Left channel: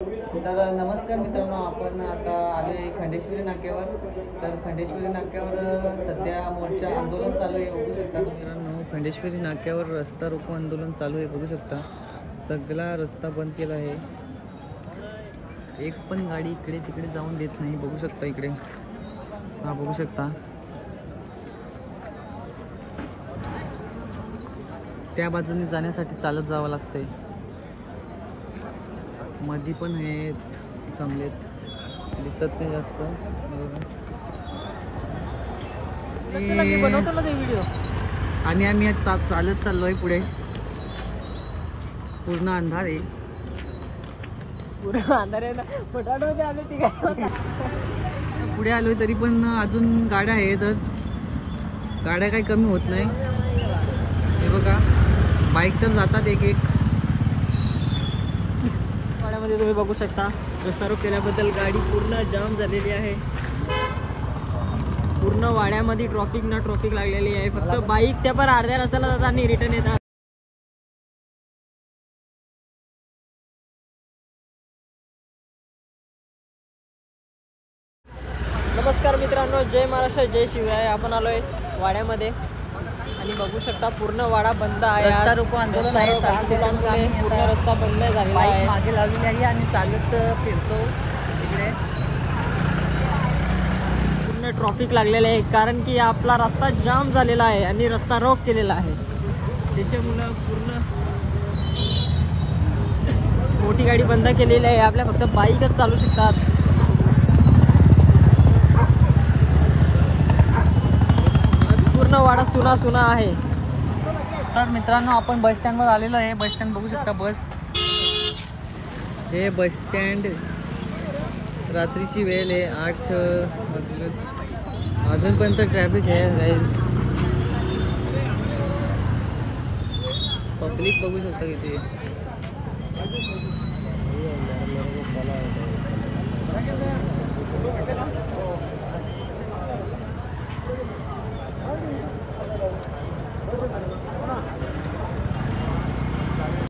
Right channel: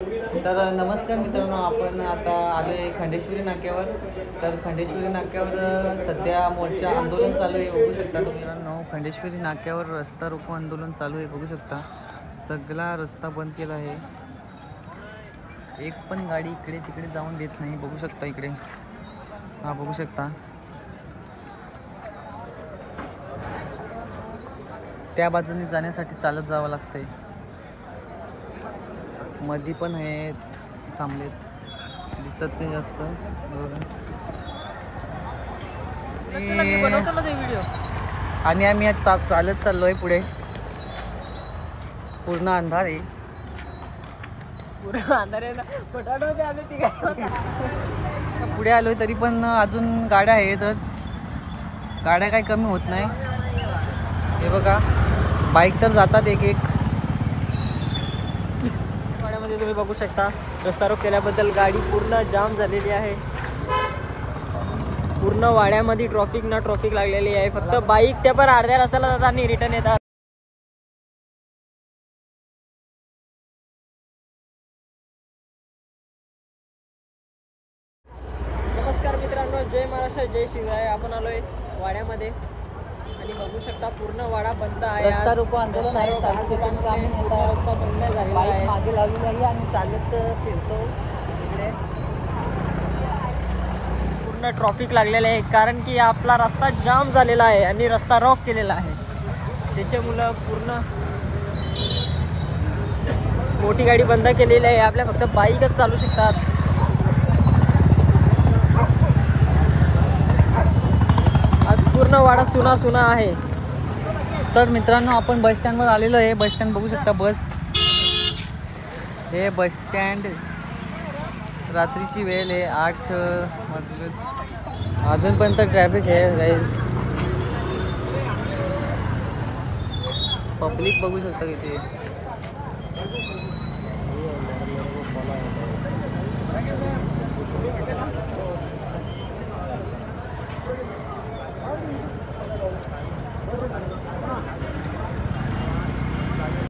तर नमस्कार मित्रांनो, आपण आता आलो आहे खंडेश्वरी नाक्यावर. तर खंडेश्वरी नाक्यावर सध्या मोर्चा आंदोलन चालू आहे, बघू शकता तुम्ही मित्रांनो. खंडेश्वरी नाक्यावर रस्ता रोको आंदोलन चालू आहे, बघू शकता. सगळा रस्ता बंद केला आहे, एक पण गाडी इकडे तिकडे जाऊन देत नाही, बघू शकता. इकडे हा बघू शकता, त्या बाजूने जाण्यासाठी चालत जावं लागतंय. मध्ये पण आहेत, थांबलेत, दिसत नाही जास्त. आणि आम्ही आज चालत चाललोय पुढे. पूर्ण अंधार आहे, पुढे आलोय तरी पण अजून गाड्या आहेतच. गाड्या काही कमी होत नाही. हे बघा, बाईक तर जातात एक एक. वाड्यामध्ये तुम्ही बघू शकता, रस्ता रोक केल्याबद्दल गाडी पूर्ण जाम झालेली आहे. पूर्ण वाड्यामध्ये ट्रॉफिक ना ट्रॉफिक लागलेली आहे. फक्त बाईक त्या पण अर्ध्या रस्त्याला जातात आणि रिटर्न येतात. नमस्कार मित्रांनो, जय महाराष्ट्र, जय शिवराय. आपण आलोय वाड्यामध्ये आणि बघू शकता पूर्ण वाडा बंद आहे. रस्ता रोको आंदोलन आहे, पूर्ण रस्ता बंद झालेला आहे. मागे लावलेली आहे आणि चालत फिरतो इकडे. पूर्ण ट्रॉफिक लागलेलं आहे कारण की आपला रस्ता जाम झालेला आहे आणि रस्ता रॉक केलेला आहे. त्याच्यामुळं पूर्ण मोठी गाडी बंद केलेली आहे. आपल्या फक्त बाईकच चालू शकतात. आज पूर्ण वाडा सुना सुना आहे. तर मित्रांनो, आपण बस स्टँडवर आलेलो आहे. बस स्टँड बघू शकता. बस, हे बस स्टँड. रात्रीची वेळ आहे, 8 वाजले. अजूनपर्यंत ट्रॅफिक आहे गाईज. पब्लिक बघू शकता इथे.